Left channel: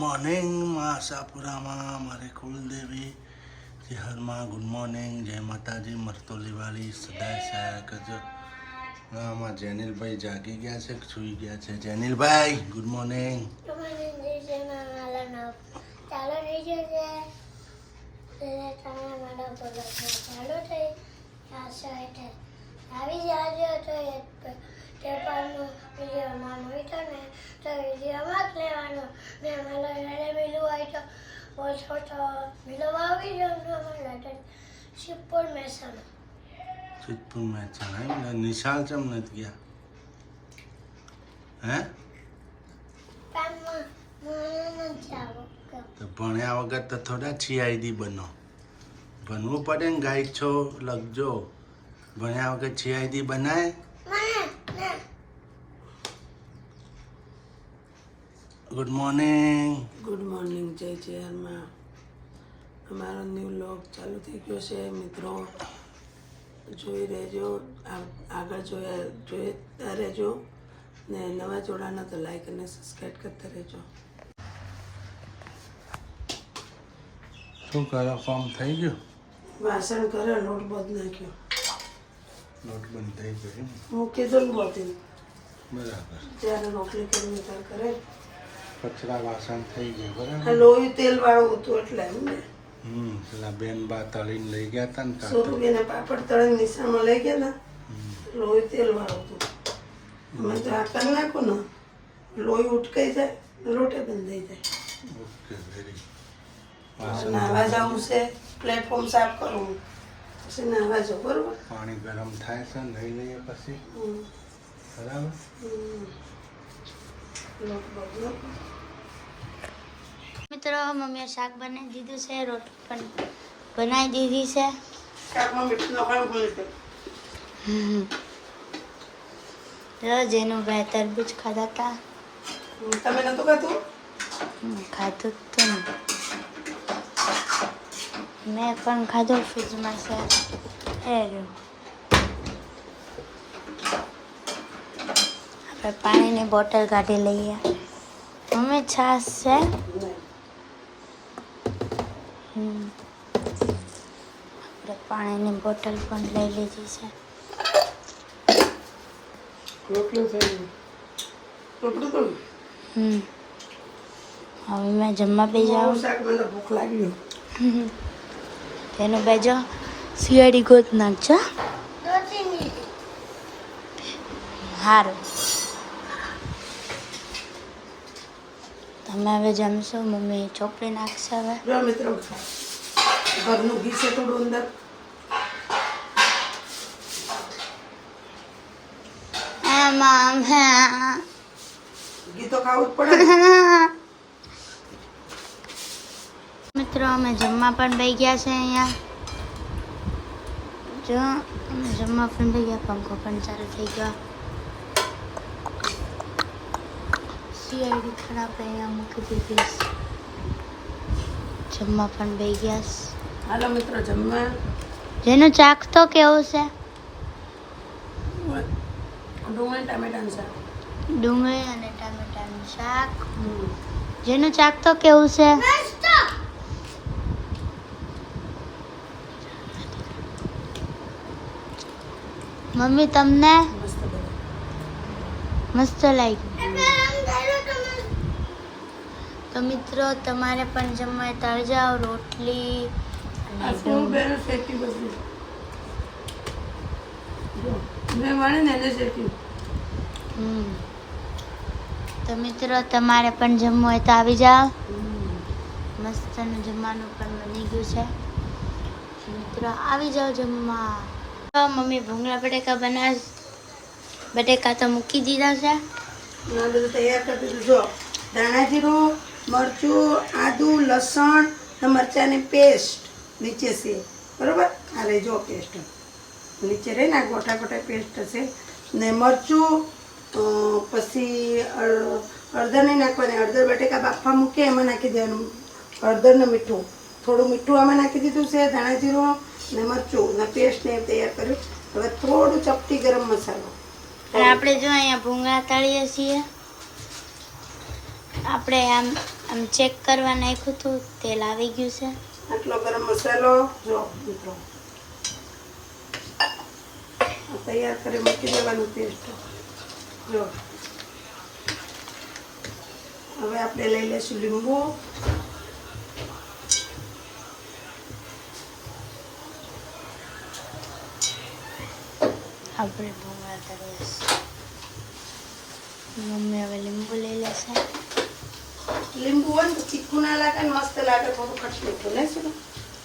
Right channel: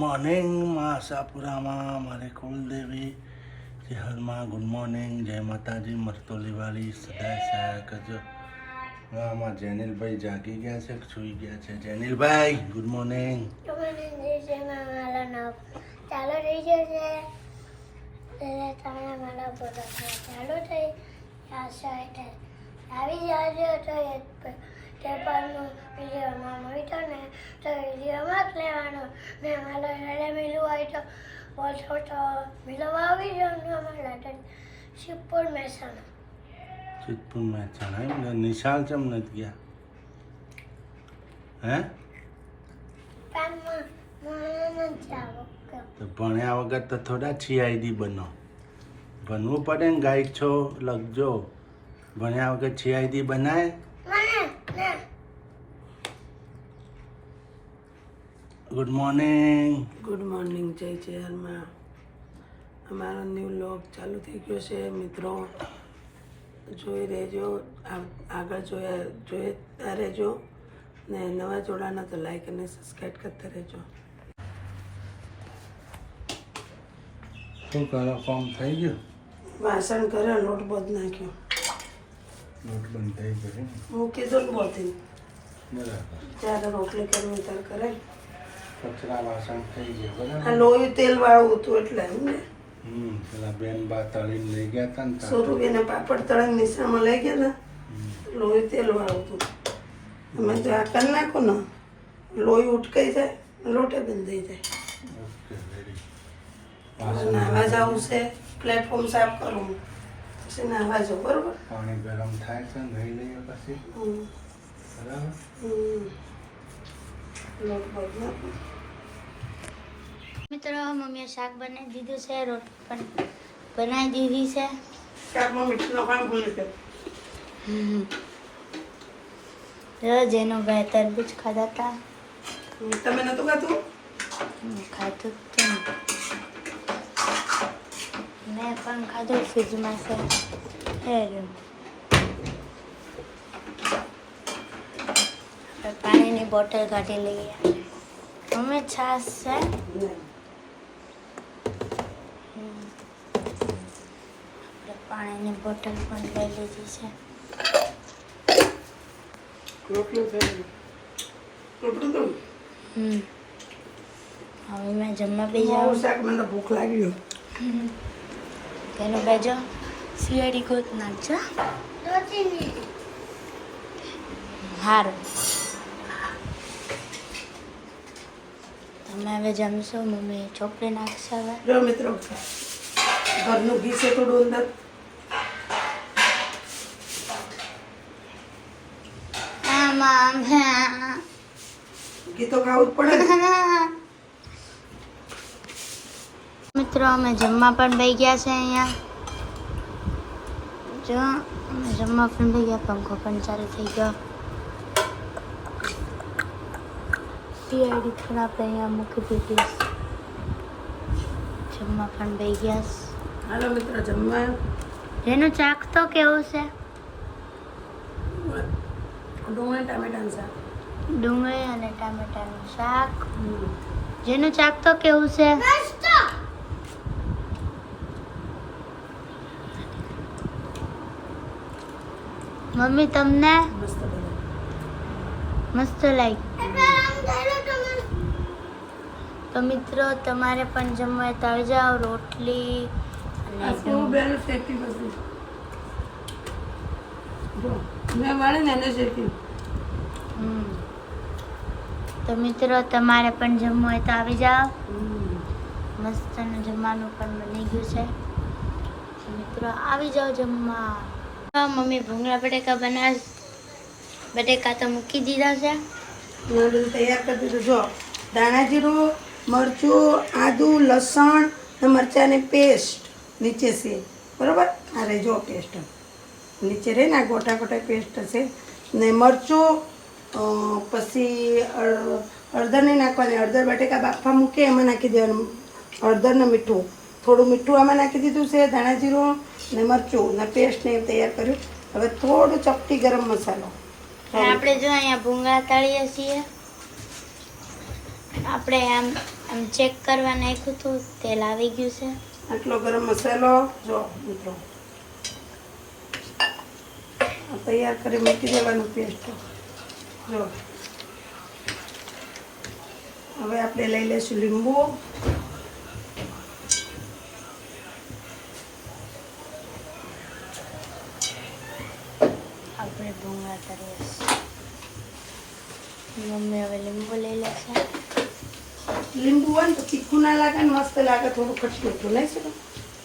Morning માં આશાપુરામાં મારે કુલદેવી શહેરમાં ગુડ મોર્નિંગ, જય માતાજી, મરતોલીવાળી સદાય સહાય કરજો. આમાં જેનિલભાઈ જાગી ગયા છે, સૂઈ ગયા છે. જેનિલભાઈ ગુડ મોર્નિંગ. ચાલો રહી જશે ચાલો થઈ આવી જાજો તો પેપરનું વિડીયોમાં મળતો ને તો વિડીયોમાં જ લેવાનો ને અમારા ઘરે મિલવું હોય તો ઓછો તો મિલવા આવી જવાનું અમારા શિવપુર મહેસાણા. સિદ્ધપુર મહેસાણા એમ નિશાળ ચમ નથી ગયા? હે તો ભણ્યા વગર તો થોડા છીઆઈડી બનો. ભણવું પડે ને, ગાઈડ છો લખજો. ભણ્યા વગર છીઆઈડી બનાય? Good morning. ગુડ મોર્નિંગ, જય ચેરમાં. અમારો ન્યૂ લોગ ચાલુ થઈ ગયો છે મિત્રો, જોઈ રહેજો. આગળ જોતા રહેજો ને નવા જોડાના તો લાઈક અને સબસ્ક્રાઈબ કરતા રહેજો. શું કરો? ફોર્મ થઈ ગયું? વાસણ કરે, લોટ બંધ નાખ્યો. લોટ બંધ થઈ ગયો. મૂકી દો ને બોલતી બરાબર. જ્યારે રોટલી કરવી ત્યારે કરે. કચરા વાસણ થઈ ગયા. બરાબર. આ લોહી તેલ વાળું હતું એટલે એમને પેલા બેન બા તળીને લઈ ગયા હતા ને. સોરુબેને પાપડ તળીને નિશાળમાં લઈ ગયા ને, લોહી તેલ વાળું હતું. અમે તો આ કરી નાખો ને, લોહી ઉટકાઈ જાય, લોટે બંધ થઈ જાય. Okay, very. નાહવા જવું છે, પ્લેટફોર્મ સાફ કરવું પછી નાહવા જવું, બરોબર. પાણી ગરમ થાય છે, નહીં લઈએ પછી. બરાબર. લોટ બહુ નાખો. મિત્રો મમ્મીએ શાક બનાવી દીધું છે, રોટલી પણ બનાવી દીધી છે. શાકમાં મીઠું નાખવાનું ભૂલી ગયો. રોજ એનું ભાઈ તરબૂચ ખાધા હતા. તમે નતું ખાતું? ખાધું તો ને મેં પણ ખાધું. ફ્રીજમાં છે એ રહ્યું. આપણે પાણીની બોટલ કાઢી લઈએ. મમ્મી છાશ છે? આપણે પાણીની બોટલ પણ લઈ લીધી છે. રોટલું થયું. રોટલું તો હવે મેં જમવા બે જાઉં. શાક મને ભૂખ લાગી. તેનું બેજો શિયાળી ગોત નાખજો. સારું, તમે હવે જમશો? મમ્મી ચોપડી નાખશે હવે. જો મિત્રો, ઘરનું ઘી છે થોડું અંદર. આમાં ઘી તો ખાવું જ પડે. મિત્રો અમે જમવા પણ બેસી ગયા છે. અહીંયા જો અમે જમવા પણ બેસી ગયા. પંખો પણ ચાલુ થઈ ગયો. સીઆઈડી પણ આપણે અહીંયા મૂકી દીધી. જમવા પણ બેસી ગયા. હાલો મિત્રો, જમવા. જેનું ચાક તો કેવું છે? ડુંગળી ટામેટાનું શાક. ડુંગળી અને ટામેટાનું શાક. જેનું ચાક તો કેવું છે? મમ્મી તમને મસ્ત બને. મસ્ત લાગ્યું. તો મિત્રો તમારે પણ જમવા તળ જાઓ. રોટલી આ શું બેન શેકી બધું. જો મેં માણી ને એને શેકી. તો મિત્રો તમારે પણ જમવું હોય તો આવી જાઓ. મસ્ત જમવાનું પણ બની ગયું છે. મિત્રો આવી જાઓ જમવા. મમ્મી ભૂંગળા બટેકા બનાવે. બટેકા તો મૂકી દીધા છે. બધું તૈયાર કરી દીધું. જો ધાણા જીરું, મરચું, આદુ, લસણ ને મરચાંની પેસ્ટ નીચે છે, બરોબર. આ રહી જો પેસ્ટ નીચે રહી ને, આ ગોટા ગોટા પેસ્ટ હશે. ને મરચું, પછી હળદર નહીં નાખવાની. હળદર બટેકા બાફવા મૂકે એમાં નાખી દેવાનું. હળદર ને મીઠું, થોડું મીઠું આમાં નાખી દીધું છે. ધાણા જીરું ને મરચું ને પેસ્ટ ને તૈયાર કર્યું. હવે થોડું ચપટી ગરમ મસાલો. આપણે જો અહીંયા ભૂંગળા તળીએ છીએ. આપણે આમ આમ ચેક કરવા નાખ્યું હતું, તેલ આવી ગયું છે. આટલો ગરમ મસાલો જો મિત્રો આ તૈયાર કરી મૂકી દેવાનું પેસ્ટ જો. હવે આપણે લઈ લઈશું લીંબુ. આપણે ભૂંગળા તળીએ છીએ. મમ્મી હવે લીંબુ લઈ લેશે. લીંબુ હોય ને તો તીખું ના લાગે ને મસ્ત લાગે, થોડું ખટ્ટું મીઠું લઈ શકો.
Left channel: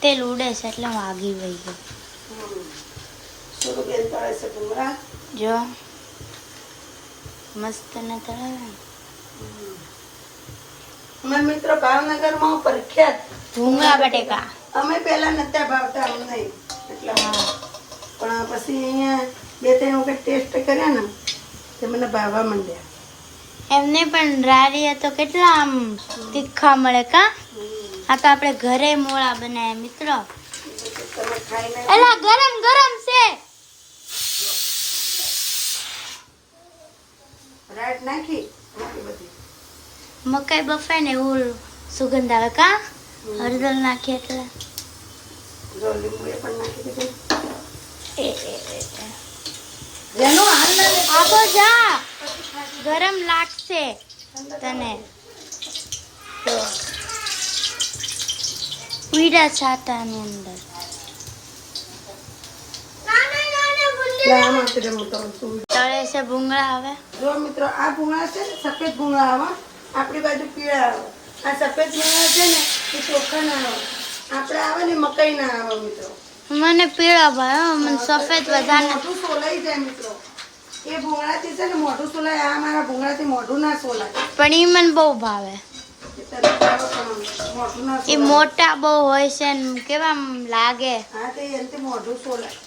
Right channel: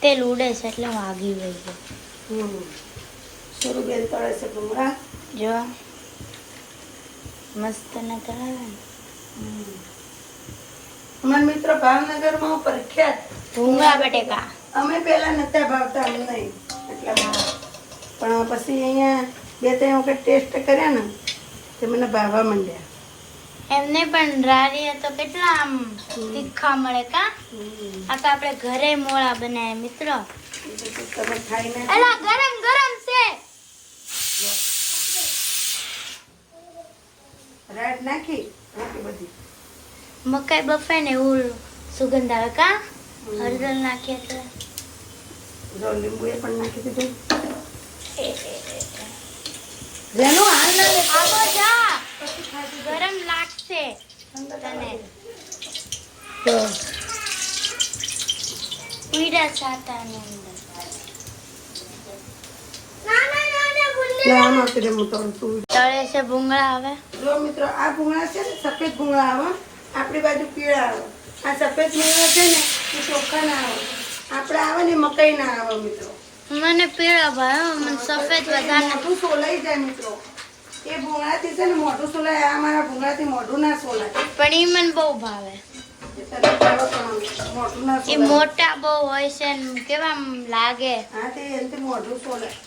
તેલ ઉડે છે એટલે હું આગી વહી ગઈ. થોડું બેન તળે છે ભૂંગળા. જો મસ્ત ને તળાવે ને. અમારા મિત્ર ભાવનગરમાં પ્રખ્યાત ભૂંગળા બટેકા. અમે પહેલા નતા ભાવતા અમને એટલા, પણ પછી અહીંયા 2-3 વખત ટેસ્ટ કર્યા ને તે મને ભાવવા માંડ્યા. એમને પણ રારીએ તો કેટલા આમ તીખા મળે કા. આ તો આપણે ઘરે મોળા બનાવ્યા મિત્રો. તમે ખાઈ લે. એલા ગરમ ગરમ છે. રાઈટ નાખી બધી. મકાઈ બફાય ને એવું સુગંધ આવે કા. હળદર નાખીએ એટલે જો લીંબુ એ પણ નાખી દીધું. જેનો હાલ લાગે આપો જા. ગરમ લાગશે તને તો ઉઈડા છાતાની અંદર. આમ આપી દે મોટો તું. તળે છે ભૂંગળા. હવે જો મિત્રો આ ભૂંગળા છે ને સફેદ ભૂંગળા આવે, આપણી બાજુ પીળા આવે. આ સફેદ ભૂંગળા છે ને એ ચોખ્ખા ના આવે, આપણે આવે ને મકાઈ ના આવે મિત્રો. મને પીળા ભાઈ, મને સફેદ વધારે. મોઢું સોલાઈ જાય મિત્રો. એ ભૂંગળાથી છે ને મોઢું સોલાય, આ મારા ભૂંગળાથી મોઢું ના સોલાય. પણ ઈ મને બહુ ભાવે. મોઢું ના એ સોલાય. મોટા બહુ હોય છે ને કેવા આમ લાગે. હા તે એનાથી મોઢું સોલાય.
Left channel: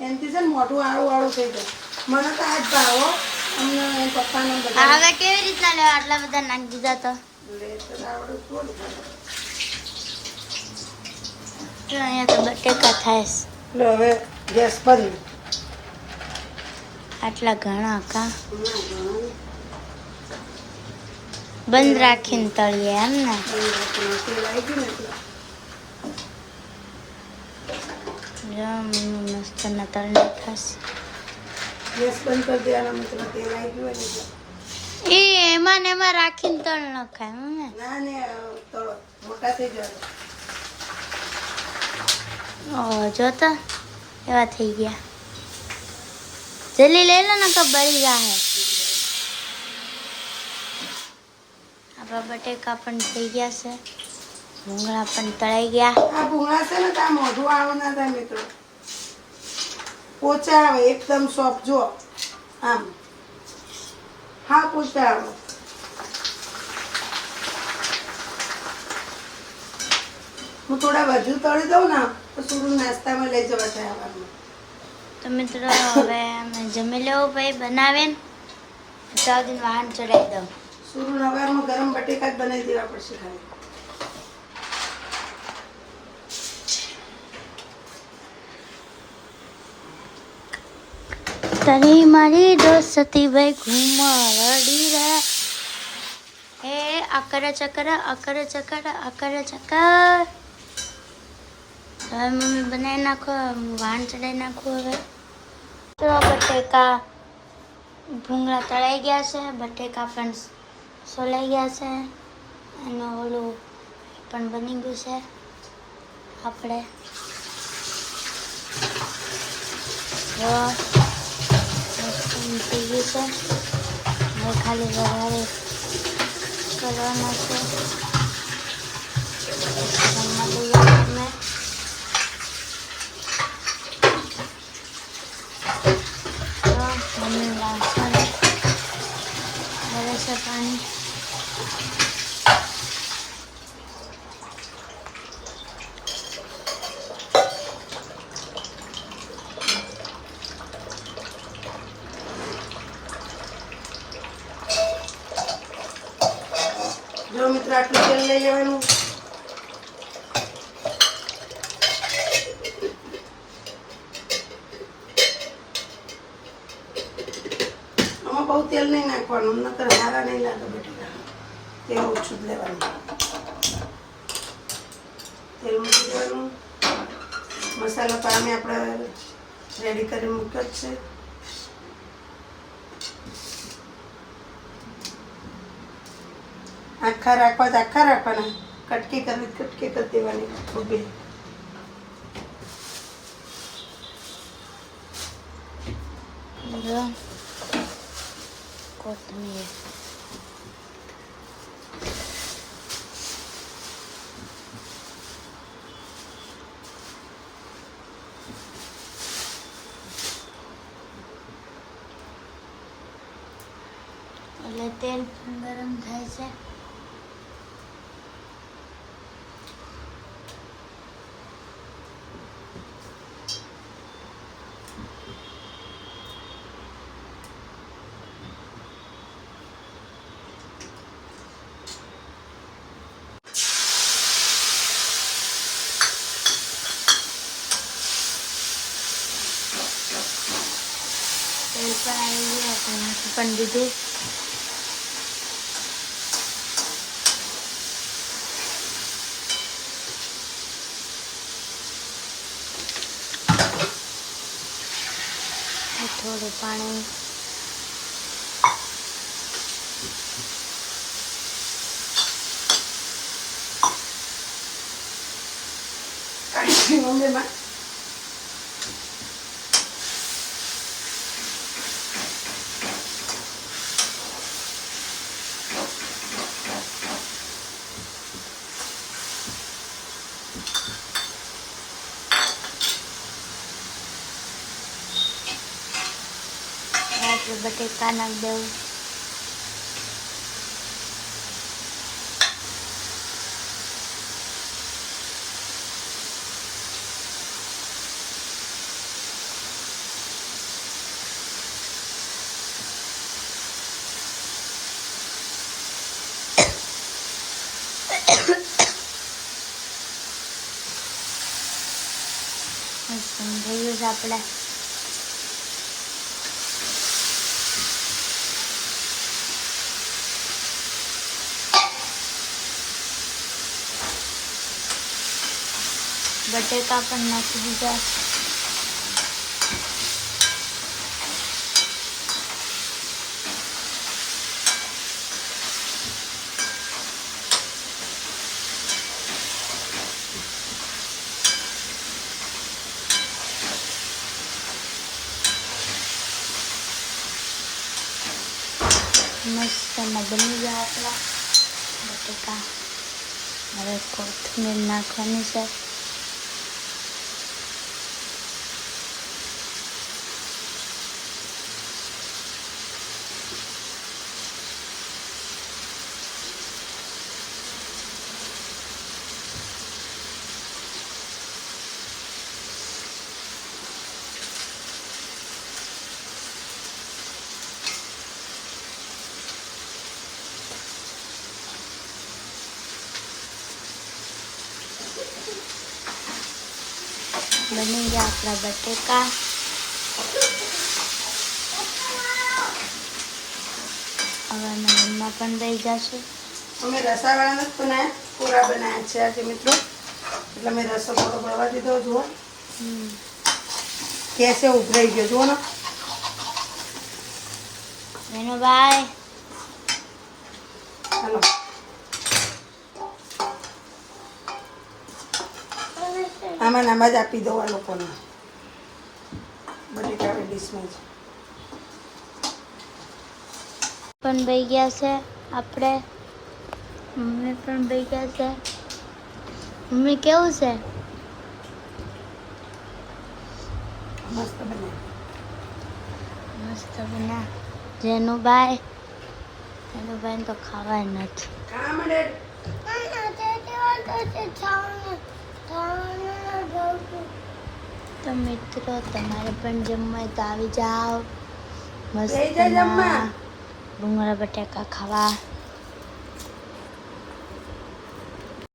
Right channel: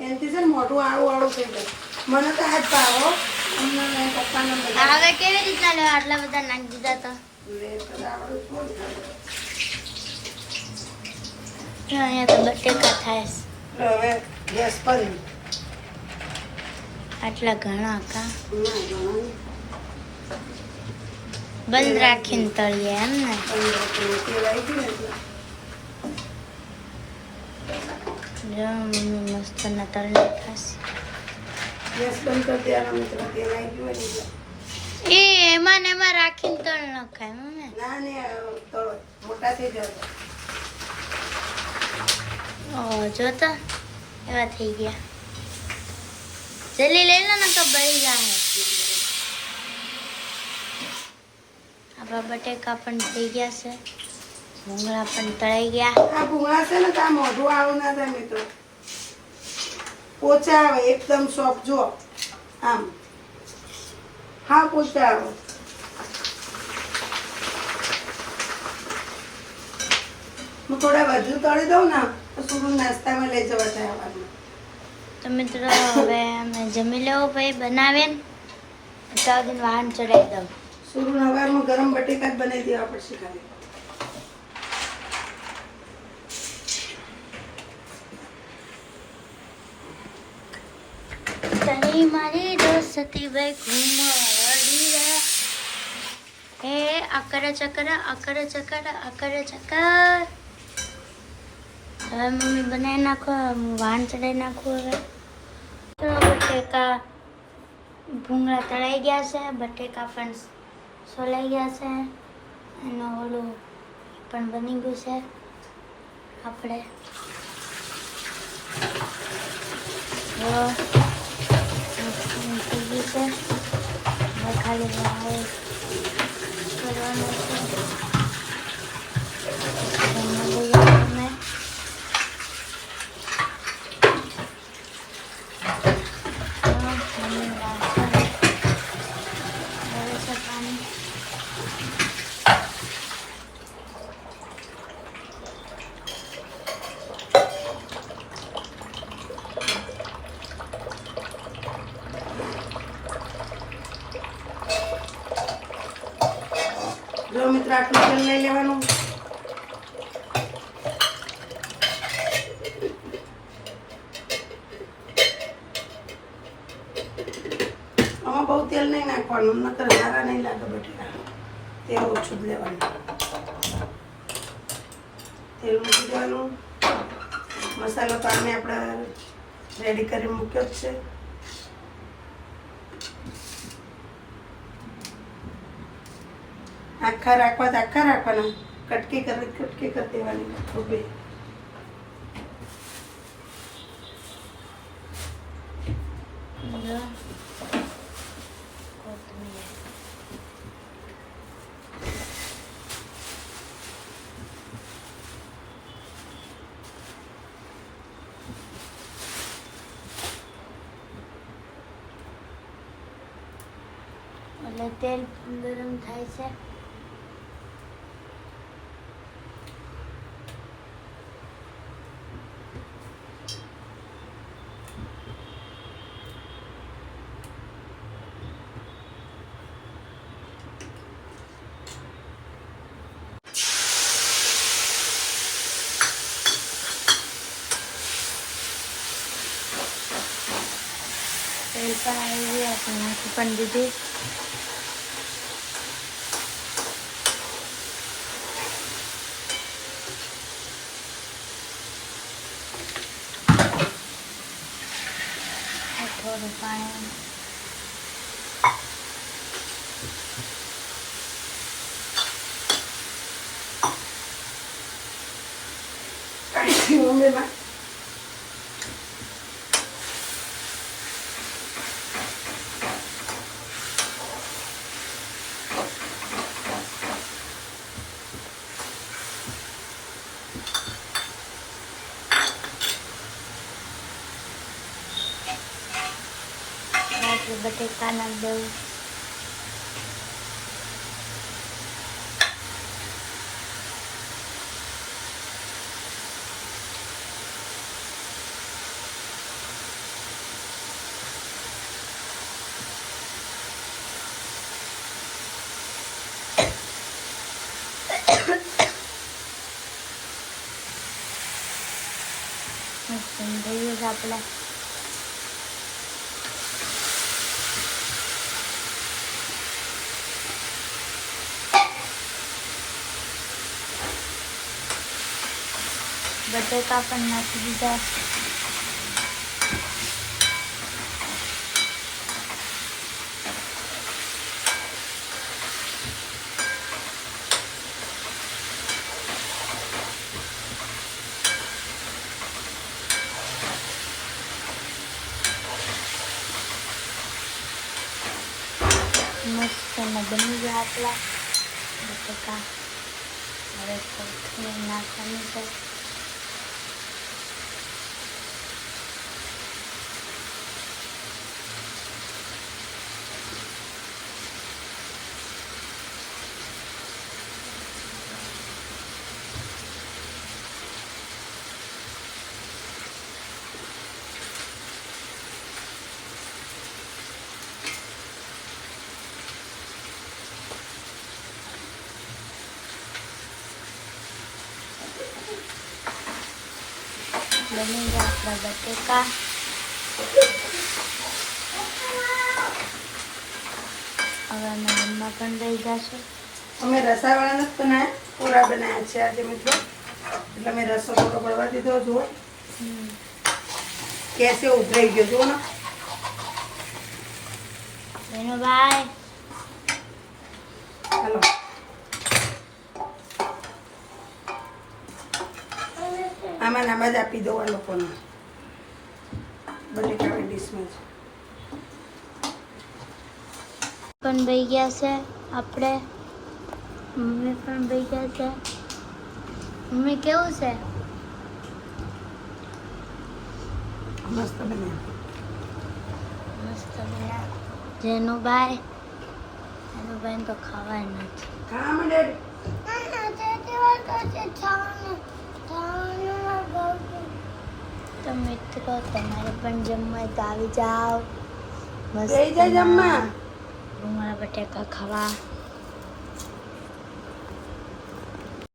એનાથી છે ને મોઢું આડું આડું થઈ જાય. મને તો આ જ ભાવો. અમને પપ્પાને બધા હવે કેવી રીતના લેવા? આટલા બધા નાખી દીધા તો. લે તો આવડું થોડું ખાય. જો અહીંયા તો બટેકા થાય છે. લે હવે ગેસ બંધ. આટલા ઘણા કા. બંધ રાખીને તળીએ એમ ને. તેલ આવી ગયું ને એટલે. જો મમ્મી મસ્ત ના તળી થશે. ગેસ બંધ કરી દેવાનો મિત્રો. તેલ આવી ગયું હોય ને એટલે. એ એમાં ને એમાં રાખીને તળ નખાય મમ્મી. ના ને તો મોટા થઈ જાય. ઓ જોતા એવા થઈ ગયા. જલ્દી લઈ લો ને તો બળી જાય. આપણા બટેકા પણ થઈ ગયા છે. ભૂંગળા પણ તળાઈ ગયા. આ ભૂંગળા છે ને તો આ મોઢું આવું ના થાય મિત્રો. પોચા આવે એકદમ સોફ્ટ. જો આમ હા પોચા આવે. હું થોડા વધુ તળી દઉં ને તો થોડું નાસ્તામાં લઈ જવા થાય આવવાનું. તો મિત્રો હવે અમે જમી લેવું ભાઈ બનાવે તો દિન વાહન ચડાવી દઉં. સુરુ હવારમાં ગરમ બટેકા જ બનાવી દેવા પડશે ખાલી. તારી મારી દોસ્તી ભાઈ ઘુમરડી રે. એ અકર ચકર અકર ચકર અકર ચકર. હવે મમ્મી બનાવી નાખો. હું વાહન ચડાવી નાખું. હવે તો બટેકા ભૂંગળા તળાઈ ગયા છે. બટેકા પણ સોલાઈ ગયા છે. એનું ઓલું પણ બની ગયું છે. આપણે જો થઈ ગયું છે. હવે ખાલી વઘારે કરવાનો છે. જમવા લઈ અમે મમ્મી વાસણ ભરે છે પાણી. જો મિત્ર આટલું તેલ લઈ લેવાનું. આમાં બહુ તેલ રાખવાનું, નકર સારા નહીં લાગે બટેટા. તેલ ઓછું જ લેવાનું. તેલ મૂકી દેવાનું. મસાલો તો આમે આપણે રેડી કરી મૂક્યો જ છે. આખા રાખવા તો આખા રાખવાના, કટકી કરી દેવાની ઊભી. કોથમીર એટલે તેલ ગરમ થાય છે. તેલ પણ આવી ગયું, આપણે નાખી પણ દીધું. થોડું પાણી. ઊંધેમાં આપણે બટેકા નાખી દઉં. સમજાયું છે આપણે. બટેકા પણ નાખી દીધા. મસ્ત બની ગયા આપણા બટેકા. હવે કોથમીર નાખવાની છે. બની ગયા આપણા બટેકા. હવે અમે જમવા પણ દઈ જશું. અમે રસાવાળા નથી બનાવ્યા, પૂરા બનાવ્યા છે આજે મિત્રો. એટલે મેં રસો મોટો પડવા દીધો. જુઓ કેસે ઉભરાઈ ગયો, જુઓ ને બેનો ભાઈ. હાલો આમાં નામાં જ આપી દો આ લોકોને બટેકાની ડીશમાં જ. પણ બઈ ગયા છે આપણે. મમ્મી પણ બઈ ગયા છે. મમ્મી કેવું છે? મસ્ત બન્યા. મસ્ત બન્યા. જેનુભાઈ તો ખાવાય નથી. ખા મળે. તો મિત્રો તમારે પણ જમવા હોય તો આવી જાઓ. જઈ જા જમવા. મસ્ત ભૂંગળા બટાકા ખાવા.